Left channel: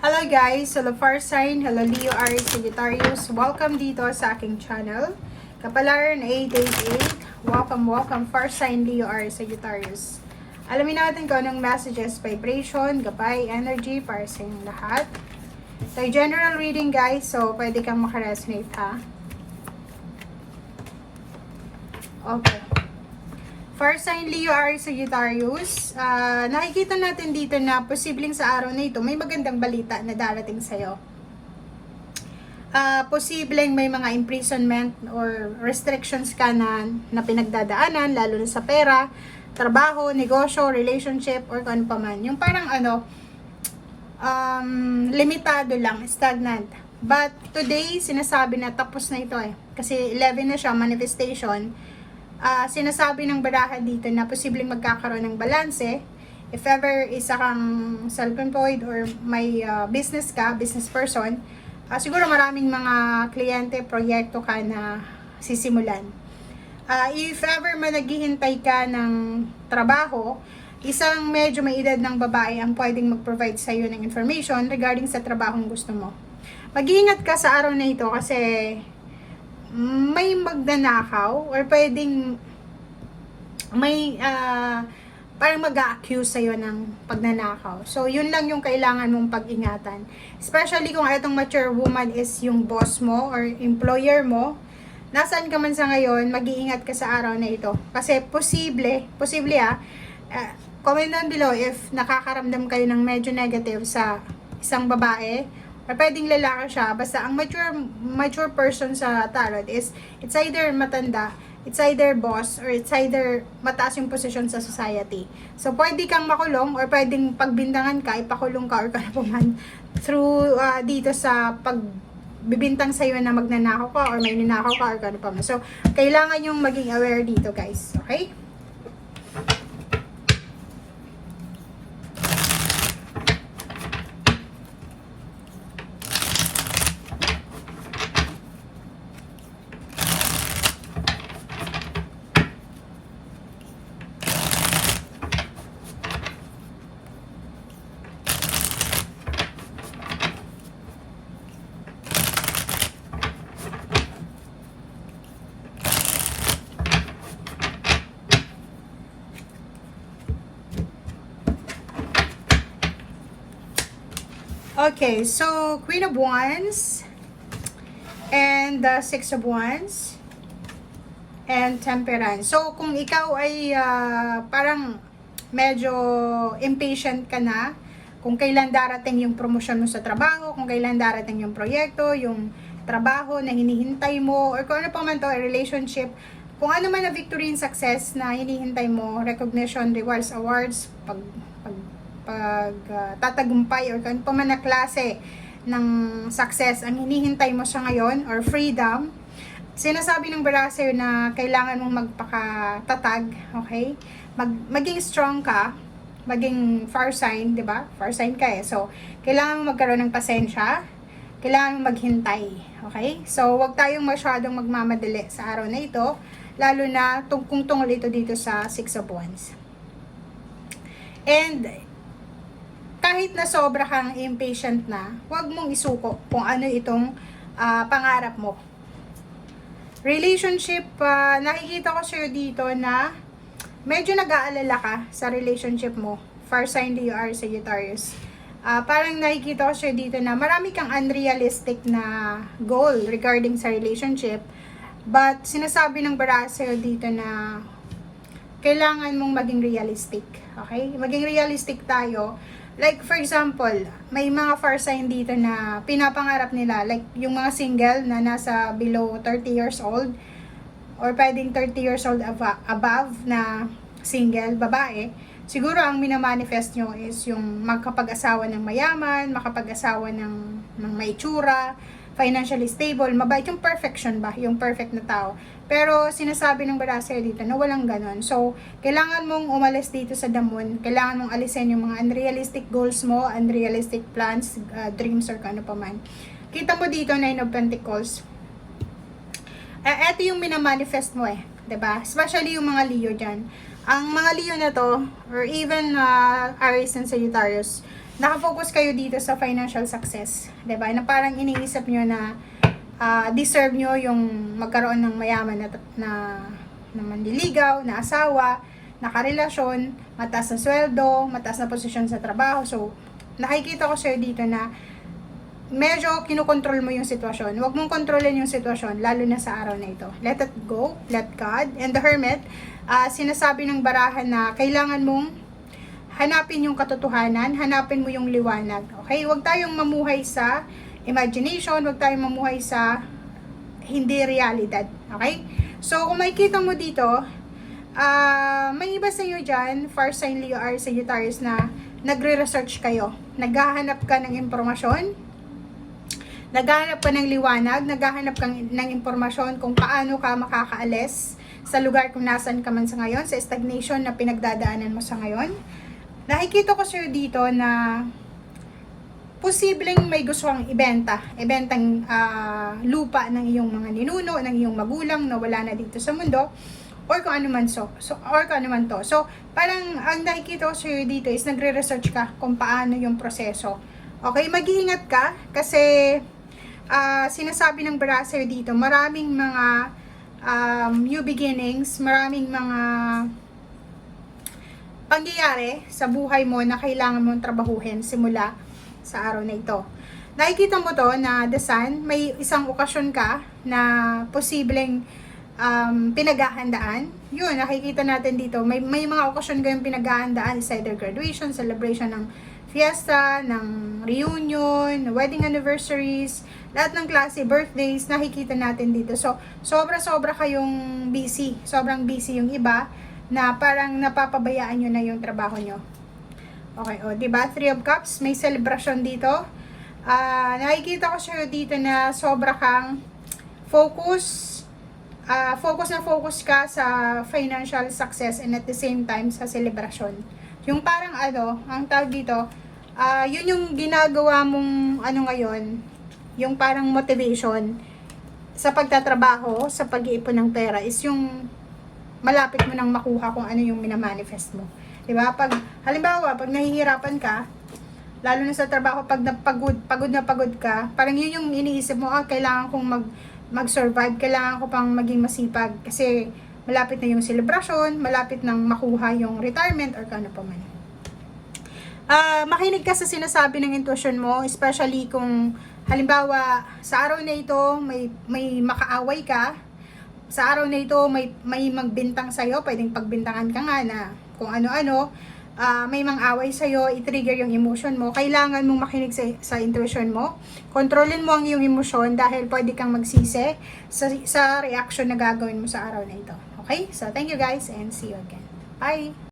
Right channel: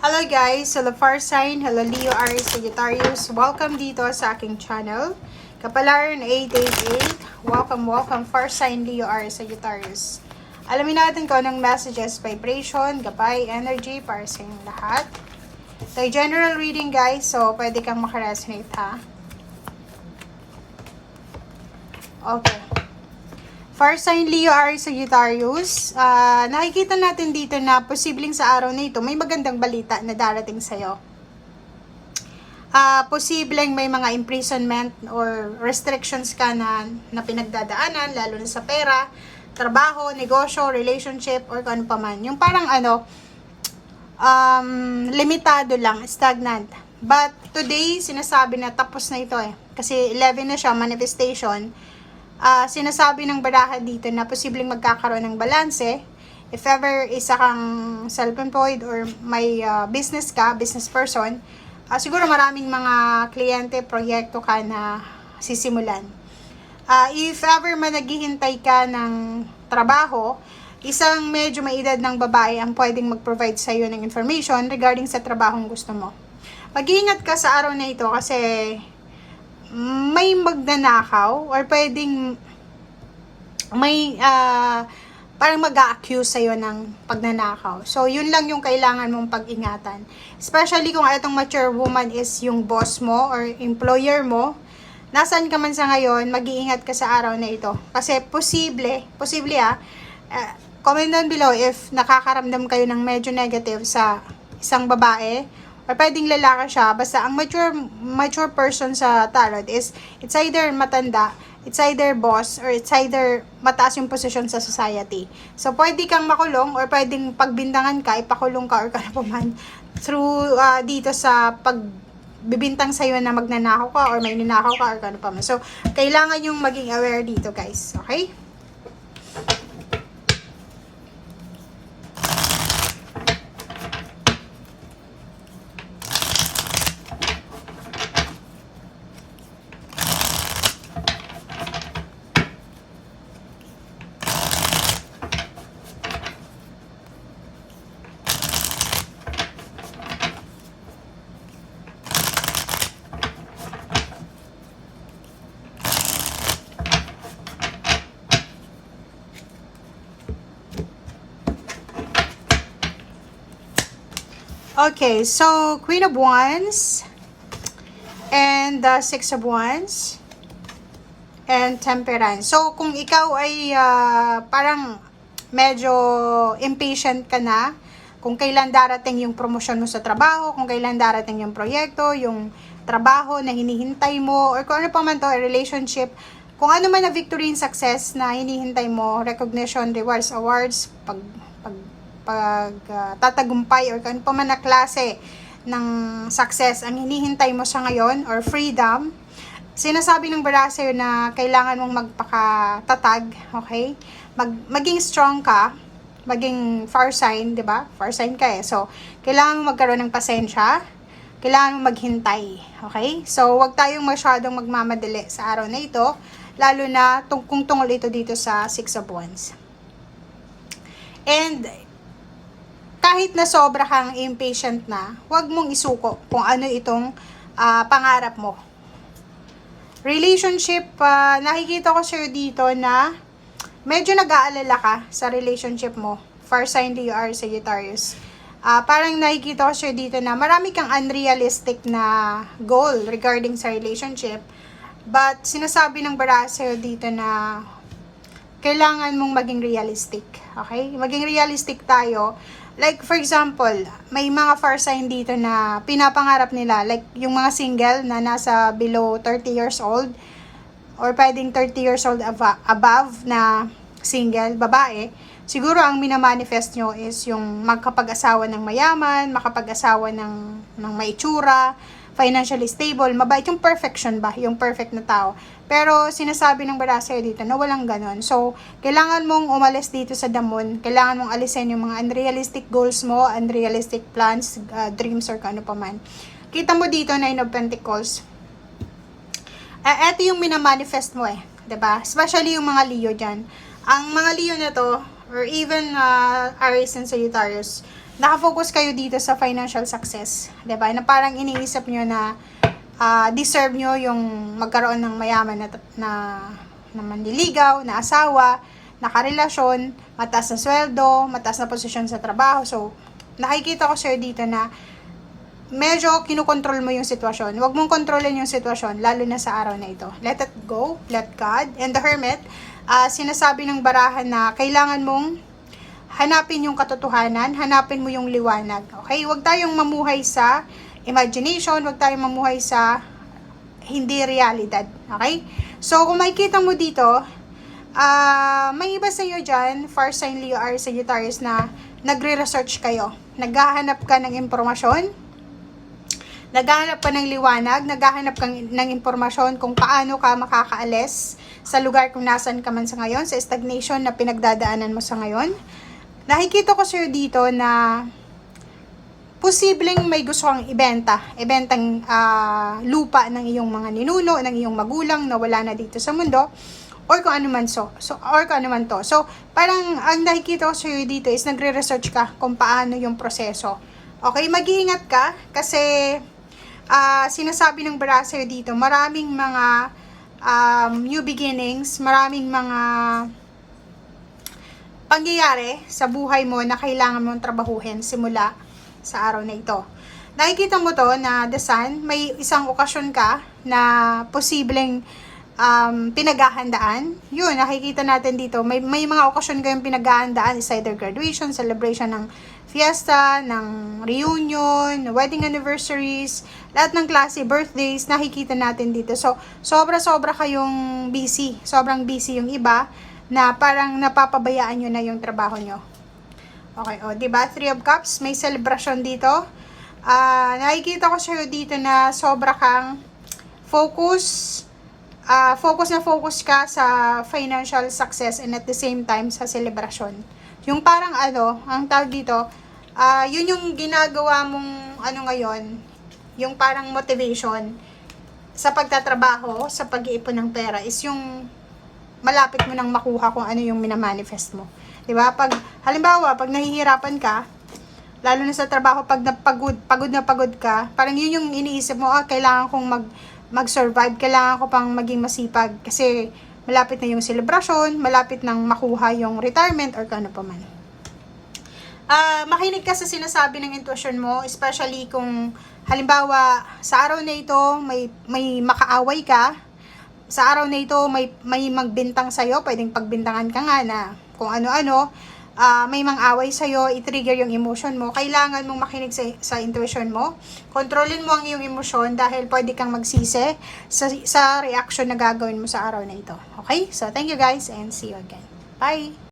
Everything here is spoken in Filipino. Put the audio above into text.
Hello guys! Hello Fire Sign, hello Leo, Aries, Sagittarius. Welcome dito sa aking channel. Kapalaran 888. Welcome Fire Sign, Leo, Aries, Sagittarius. Alamin natin kung anong messages, vibration, gabay, energy para sa inyong lahat. Ito ay general reading guys, so pwede kang makaresonate ha. Okay. Fire sign Leo, Aries, Sagittarius, nakikita natin dito na posibleng sa araw na ito may magandang balita na darating sa'yo. Posibleng may mga imprisonment or restrictions ka na pinagdadaanan, lalo na sa pera, trabaho, negosyo, relationship, or kung ano pa man. Yung parang limitado lang, stagnant. But today, sinasabi na tapos na ito Kasi 11 na siya, manifestation. Sinasabi ng baraha dito na posibleng magkakaroon ng balanse. If ever isa kang self-employed or may business ka, business person, siguro maraming mga kliyente, proyekto ka na sisimulan. If ever man naghihintay ka ng trabaho, isang medyo may edad ng babae ang pwedeng mag-provide sa iyo ng information regarding sa trabahong gusto mo. Mag-iingat ka sa araw na ito kasi may magnanakaw or pwedeng may parang mag-a-accuse sa'yo ng pagnanakaw. So, yun lang yung kailangan mong pag-ingatan. Especially kung itong mature woman is yung boss mo or employer mo. Nasaan ka man sa ngayon, mag-iingat ka sa araw na ito. Kasi posible comment down below if nakakaramdam kayo ng medyo negative sa isang babae or pwedeng lalaki siya, basta ang mature person sa tarot is it's either matanda, it's either boss, or it's either mataas yung posisyon sa society. So pwede kang makulong or pwedeng pagbintangan ka, ipakulong ka or kanapaman through dito sa pagbibintang sa'yo na magnanakaw ka or may ninakaw ka or kanapaman. So kailangan yung maging aware dito guys, okay? Okay, so Queen of Wands and the Six of Wands and Temperance. So kung ikaw ay parang medyo impatient ka na kung kailan darating yung promotion mo sa trabaho, kung kailan darating yung proyekto, yung trabaho na hinihintay mo, or kung ano pa man to, relationship, kung ano man na victory and success na hinihintay mo, recognition, rewards, awards, tatagumpay or kung pa man na klase ng success ang hinihintay mo sa ngayon or freedom, sinasabi ng baraha sa'yo na kailangan mong magpakatatag, okay? Maging strong ka, maging fire sign, di ba? Fire sign ka so kailangan mong magkaroon ng pasensya, kailangan mong maghintay, okay? So wag tayong masyadong magmamadali sa araw na ito, lalo na kung tungkol ito dito sa Six of Wands. And kahit na sobra kang impatient na, huwag mong isuko kung ano itong pangarap mo. Relationship, nakikita ko sa'yo dito na medyo nag-aalala ka sa relationship mo. Fire sign Leo, Aries, Sagittarius. Parang nakikita ko sa'yo dito na marami kang unrealistic na goal regarding sa relationship. But sinasabi ng baraha sa'yo dito na kailangan mong maging realistic. Okay? Maging realistic tayo. Like, for example, may mga fire sign dito na pinapangarap nila. Like, yung mga single na nasa below 30 years old or pwedeng 30 years old above na single, babae. Siguro ang minamanifest nyo is yung magkapag-asawa ng mayaman, makapag-asawa ng may itsura, financially stable, mabait, yung perfection ba? Yung perfect na tao. Pero sinasabi ng baraha sa'yo dito na walang ganon. So, kailangan mong umalis dito sa damon. Kailangan mong alisin yung mga unrealistic goals mo, unrealistic plans, dreams, or kano pa man. Kita mo dito, Nine of Pentacles. Ito yung minamanifest mo diba? Especially yung mga Leo dyan. Ang mga Leo na to, or even Aries and Sagittarius, nakafocus kayo dito sa financial success. Diba? Na parang iniisip nyo na deserve nyo yung magkaroon ng mayaman na manliligaw, na asawa, na karelasyon, mataas na sweldo, mataas na posisyon sa trabaho. So, nakikita ko sir dito na medyo kinukontrol mo yung sitwasyon. Huwag mong kontrolin yung sitwasyon, lalo na sa araw na ito. Let it go, let God. And the Hermit, sinasabi ng barahan na kailangan mong hanapin yung katotohanan, hanapin mo yung liwanag. Okay? Huwag tayong mamuhay sa imagination, huwag tayong mamuhay sa hindi realidad. Okay? So, kung makikita mo dito, may iba sa iyo dyan, fire sign Leo, Aries, Sagittarius, na nagre-research kayo. Naghahanap ka ng impormasyon, naghahanap ka ng liwanag, naghahanap ka ng impormasyon kung paano ka makakaalis sa lugar kung nasan ka man sa ngayon, sa stagnation na pinagdadaanan mo sa ngayon. Nakikita ko sa'yo dito na posibleng may gusto kang ibentang lupa ng iyong mga ninuno, ng iyong magulang na wala na dito sa mundo, or kung ano man to. So, parang ang nakikita ko sa'yo dito is nagre-research ka kung paano yung proseso. Okay, mag-iingat ka kasi sinasabi ng brasser dito, maraming mga new beginnings, maraming mga pangyayari sa buhay mo na kailangan mong trabahuhin simula sa araw na ito. Nakikita mo to na the sun, may isang okasyon ka na posibleng pinaghahandaan. Yun, nakikita natin dito, may mga okasyon kayong pinaghahandaan, is either graduation, celebration ng fiesta, ng reunion, wedding anniversaries, lahat ng klase, birthdays, nakikita natin dito. So, sobra-sobra kayong busy. Sobrang busy yung iba na parang napapabayaan nyo na yung trabaho nyo. Okay, o, diba? 3 of Cups, may celebration dito. Nakikita ko sa'yo dito na sobra kang focus na focus ka sa financial success and at the same time sa celebration. Yung parang ang tawag dito, yun yung ginagawa mong ngayon, yung parang motivation sa pagtatrabaho, sa pag-iipon ng pera is yung malapit mo nang makuha kung ano yung minamanifest mo. Diba? Halimbawa, pag nahihirapan ka, lalo na sa trabaho, pag pagod na pagod ka, parang yun yung iniisip mo, kailangan kong mag-survive, kailangan ko pang maging masipag kasi malapit na yung celebration, malapit nang makuha yung retirement or kano pa man. Makinig ka sa sinasabi ng intuition mo, especially kung halimbawa sa araw na ito may makaaway ka, sa araw na ito may magbintang sa'yo, pwedeng pagbintangan ka nga na kung ano-ano, may mang-away sa'yo, i-trigger yung emotion mo, kailangan mong makinig sa intuition mo. Kontrolin mo ang iyong emosyon dahil pwede kang magsisi sa reaction na gagawin mo sa araw na ito. Okay? So, thank you guys and see you again. Bye!